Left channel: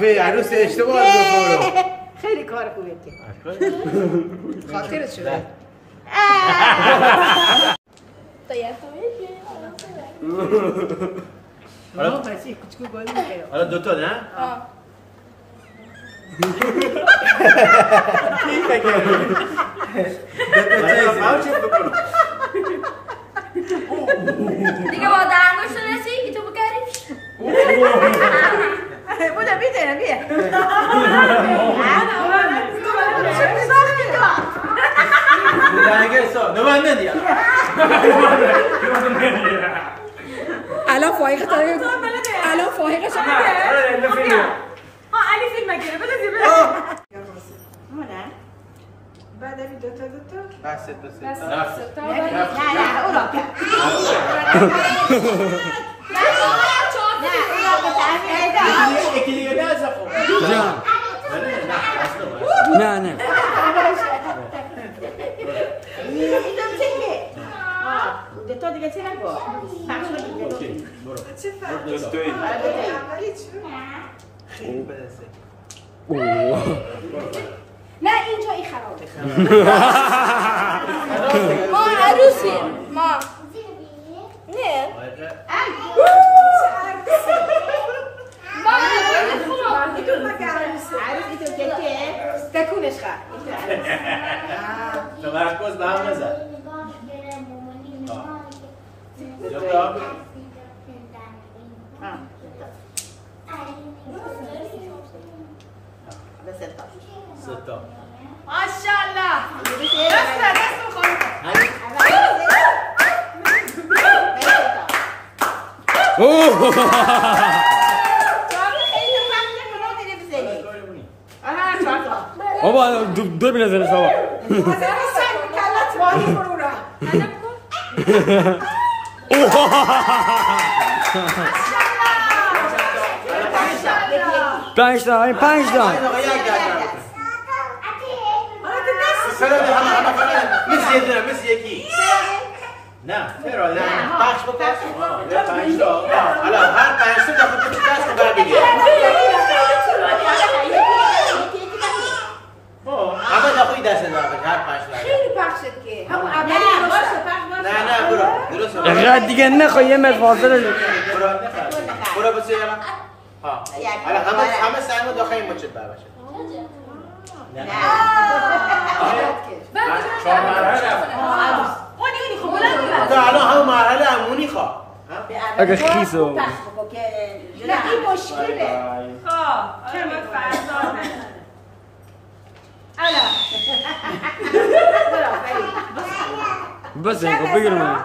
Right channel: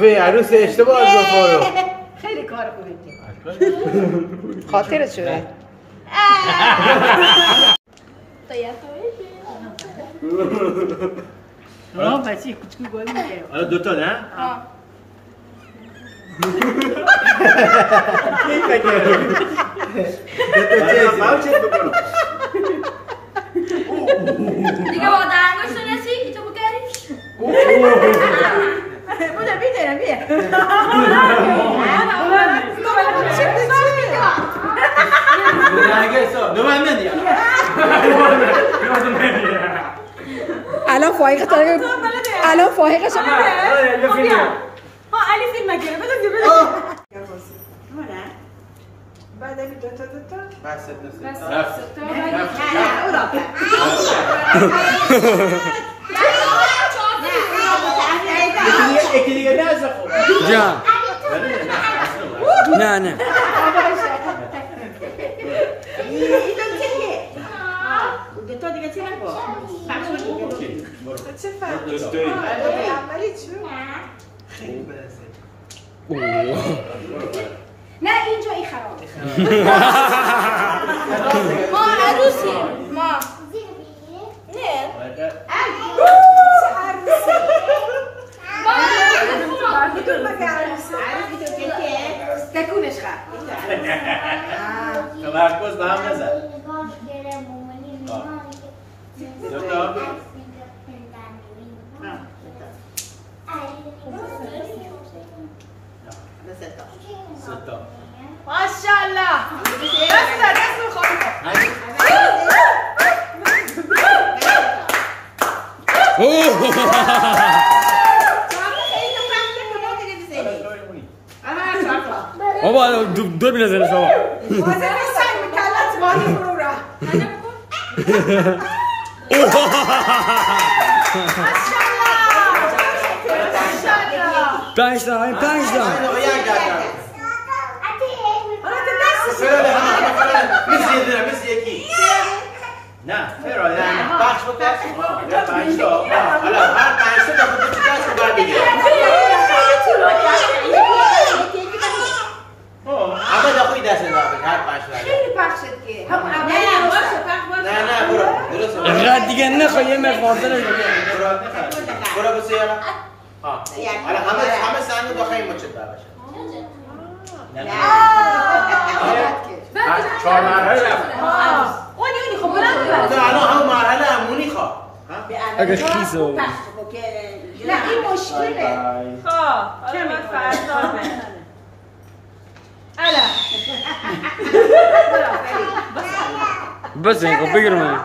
وی عروس اشتباه گفت برو. خیلی کار خوبه خاطرت شده. بچه کوچکو گل میگیره. حالا دوتا نه؟ کی فکر دوتا چیز بکنم. دیگه با درنگوش نسی که تو بکریش. بودا بیدارم بیا. الان فایقه داره. الان فایقه شما. علی فیلم نگیره. بده بعد از دوتا بس یکی دیگه نه از خوب جان نه نه دوتا دیگه چه نگو اوکی برو چه فرق نه اینجا این خرابه ما عروسیم ما نه تکونش خواهد تمرکز به هم نزد دوتا ستا ماشاءالله دست خانده بابا دور بنزنش بابا پنج تا مثل یکی نه فرای نه بخش بکن پنج تا حالا هر پنج تا دفعه تو دست رو بر بگیر همه داخلی دست رو بر هر پنج تا خیلی پخش شد که همون اولی نه برو درست اقرار دیگه نخواه یه مفاصله برو بسید حالا همه سنگ داخلی مچت بر باشه چهار مرحله رفت اونی خب بلند تو الان همون مرحله همونی خواه اگه خیزو نه این مشکله چه من فرزانه بس اینکو بگیر من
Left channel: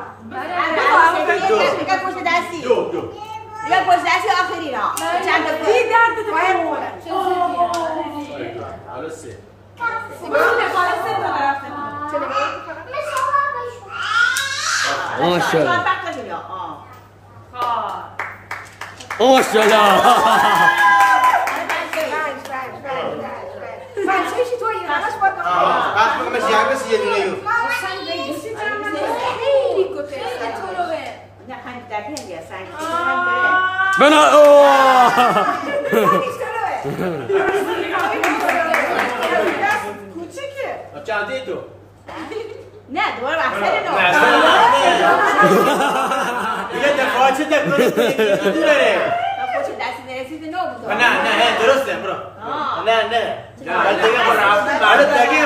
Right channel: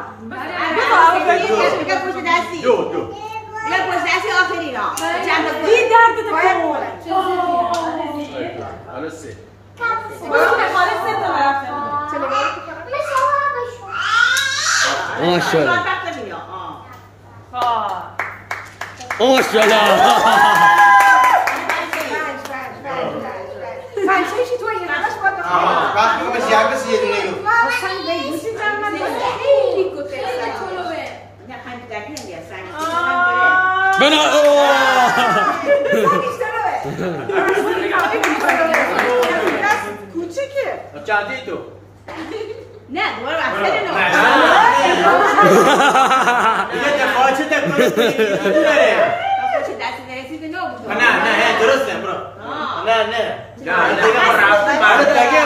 دو یک پشت دستی آخری را چند تا این درد بده حالا سه ماشاءالله ماشاءالله پنجشی تو این همش باید وقت بگم مثل یه دونه یو خیلی کته نه خیلی در پیم بیا سنگ بنا کوچیکه چندی تو نه دوباره وقتی دیگه دفاعچه تکنولوژی داره دستی نرسیده نو بود نه درسته برو نه دیگه ما رفتیم بعد دیگه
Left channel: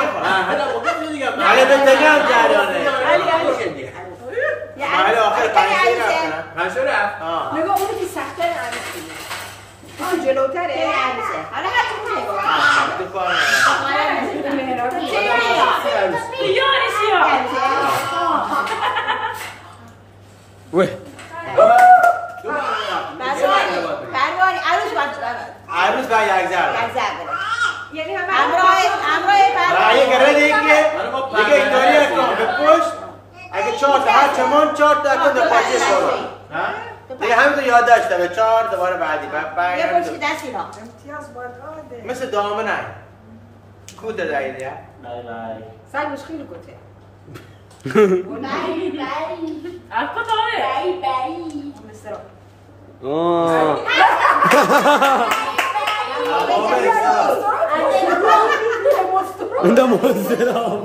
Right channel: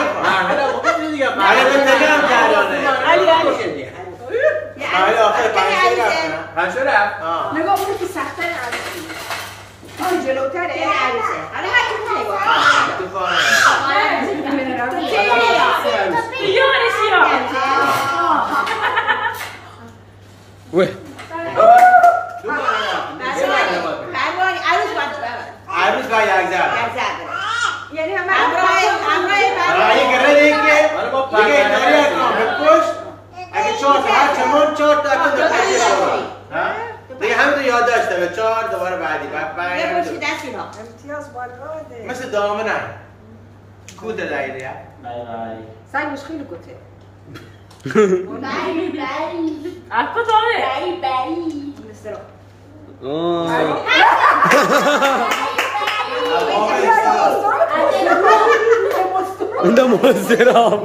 حالا بودم دیگه بعد دیگه جریانه بعد آخر پنج رفت نگاه اونی که سخته عروسی اون جلوتره حالا هر چی بود نگاه عروس با یک زرد یعنی همه یه گره دیگه گره کن به پشت اگه چهار تا هر چمون چهار تا کن در پاکی برو دیگه همین تو یاد داشته به چهار دوباره بعدی یه پشت دستی ها مثل دامه نه کوده دایری ها سنگش خیلی گوته اکو تامه مثل آه ده مستراب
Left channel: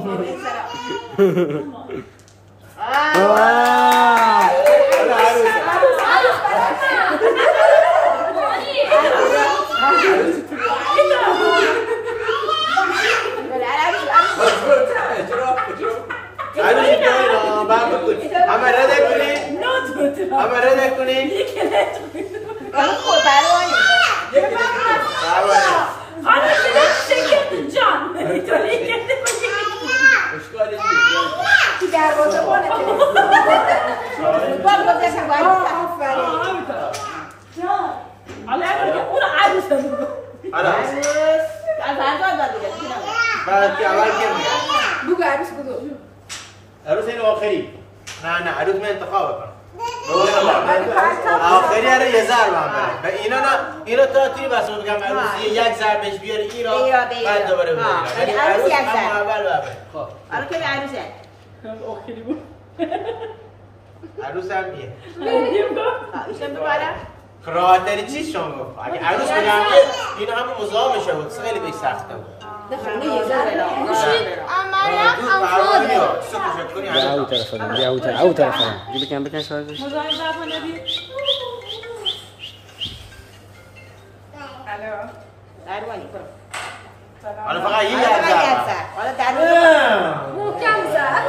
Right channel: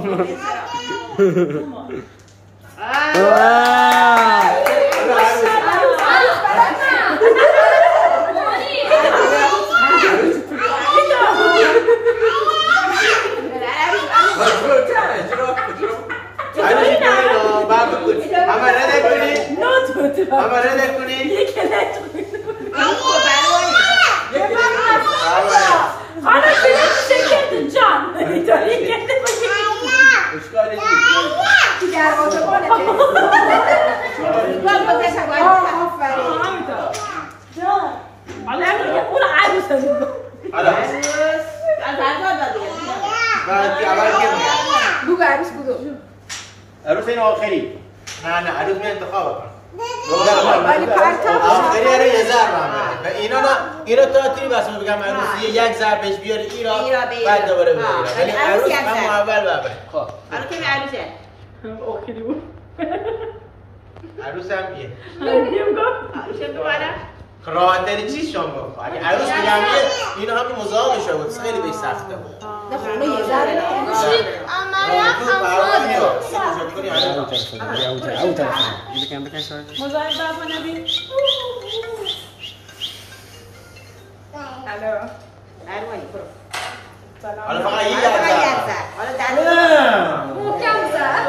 Ana kelem şekerdi can. Ki دروازه بانته اون عروس بگو عروس بگو عروس این آخری نه عروس من انتخاب کنم آخری رو یه ضرب هم بره و اینا تا توی بس بگم عروس یک ضرب بهش بیاری ایرا بعد دوباره بگیرم ولی عروس هم اول ببره آره که عروسه آخری بود عروس هم یه میدیم گفت خرادری چیز شما گفت اگه عروس بگم اینا همه مزاحمشه بود خیلی بهش سخته بود ده خونه یه ذره او طرف دیگه کم بکن شاید مزاحم بابا نبی اروانی برو حالا فقط یه ضرب حالا در محکم زد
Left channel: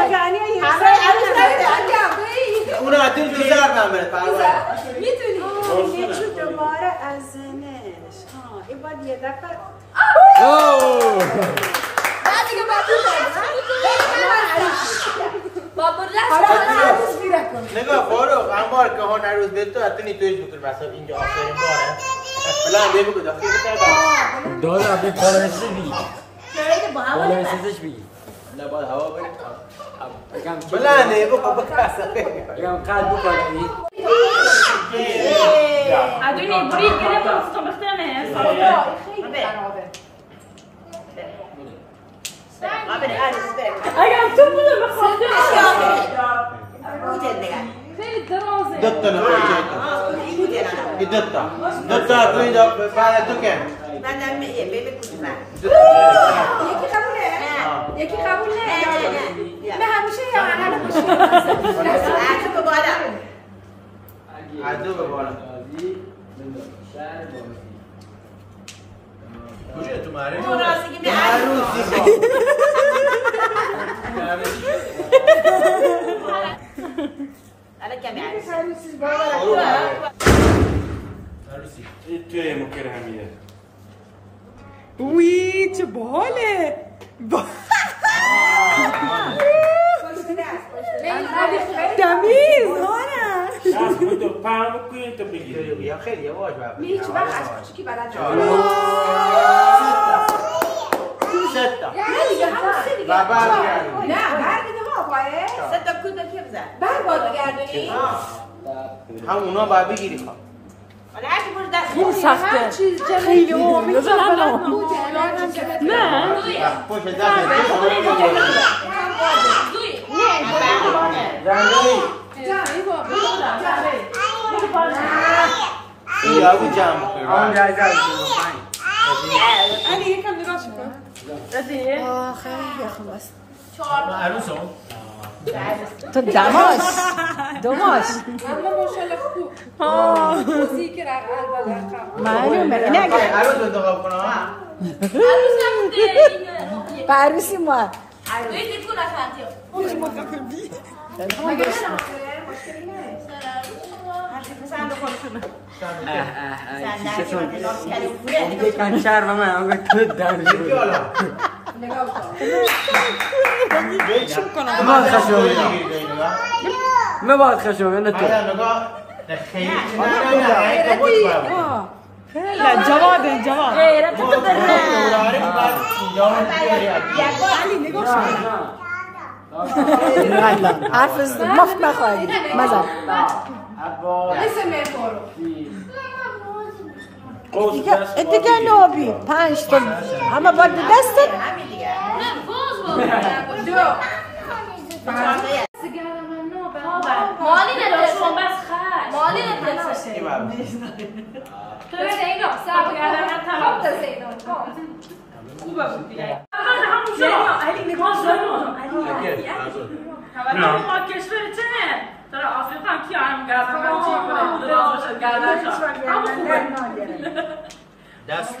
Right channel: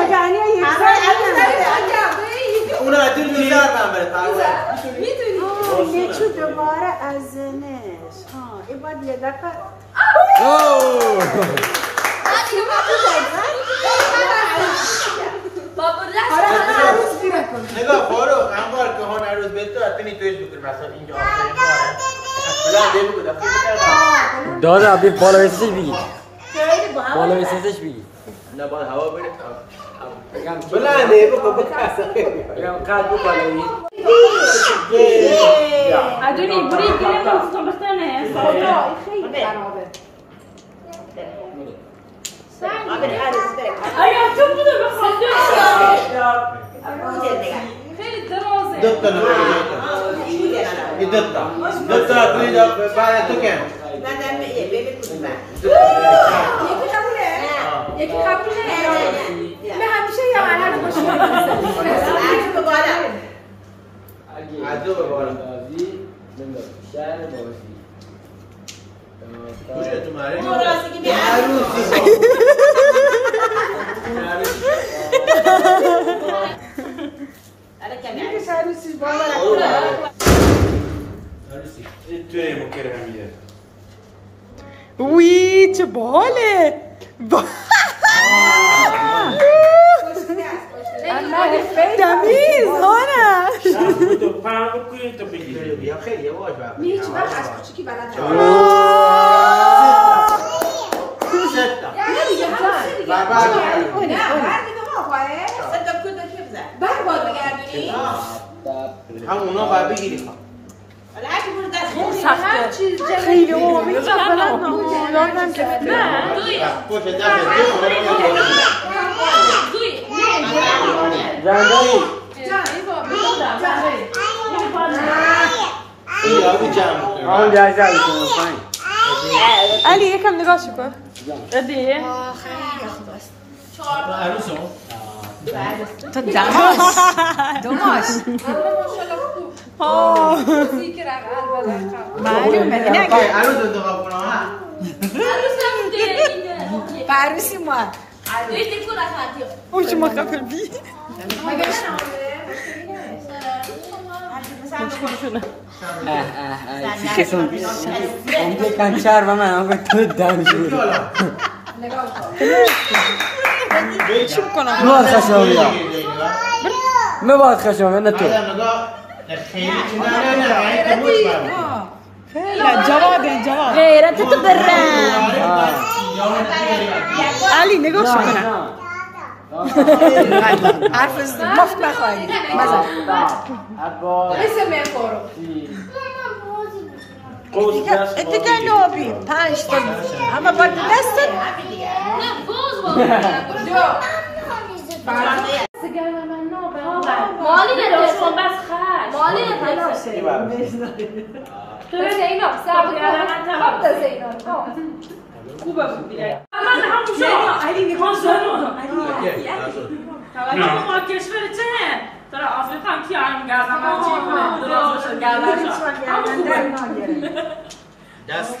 مجانی یک اون عدیل دو ضرب هم بره پروانه یه چو دوباره ازنش این باید یه دفعه حالا همه عروس بیره کن نگاه فارو امار که هان عروس به تو اتنی تویش بکن مثلا اینجا آخرین باره بلا هم بگو دفعه بکن داده ابی بالا ویسش بگی بالا ویسش بگی نه باید هوا برید بلا هم بگو بکن ادونی برید بریم مستم بختنه خیلی خرابه اگر تو بوده بخاطر خیلی درازه دوتا نمایی جایتا ای دوتا توی بعد تو کن یکی قبول نه من همیشه یا مرحله مشکل عدو به بالا کجا تو مره؟ مراسیگی به حالا کمی عروسی توی مکرمیه وی چه باله تمیز هانه تو پام کنی تو بگیری یا خیلی یواش باید هیچ وقت از کوچیکی بلد نبود ستا نه دیگه همون سه دیگه نه بر دیگه ها پایه ستا کده که بزن بر با دیگردونی همونا باید بگیری خواه ولی هرچی برو دست خیلی اومی چه بلد نه یادم که پشت دست دوی جندایی این یاگو جمع بکنیم آن جایزه علی یکم نگاه کن دیگه عروس هم تو دوماش معلومه عروس انتخاب کنم ها عروس نبوده به عروسی ما دوی دیکو نخواهدیم اوش ما قبل بی کن شهر به من آنگه تو دانشی شو کنم ما خشم ما باید خشم نه تو نگاه خیلی نه تو موچ باید خیلی جواد غیرت تو برن علی نگاه شو کنم حرف مفت نخواهی نزن مثل مفارو دیگه نابی 5 تا اما با دست نه باز با دو سیگار من نو مالی نداشت چون بس خش مالی نداشت تو زینا سر کردن طلاق زینا خوبه بود دیگه من همون علی میگم نه ما کشور چه در آفریقا کی هم گردن چی کنه درازش گردن دست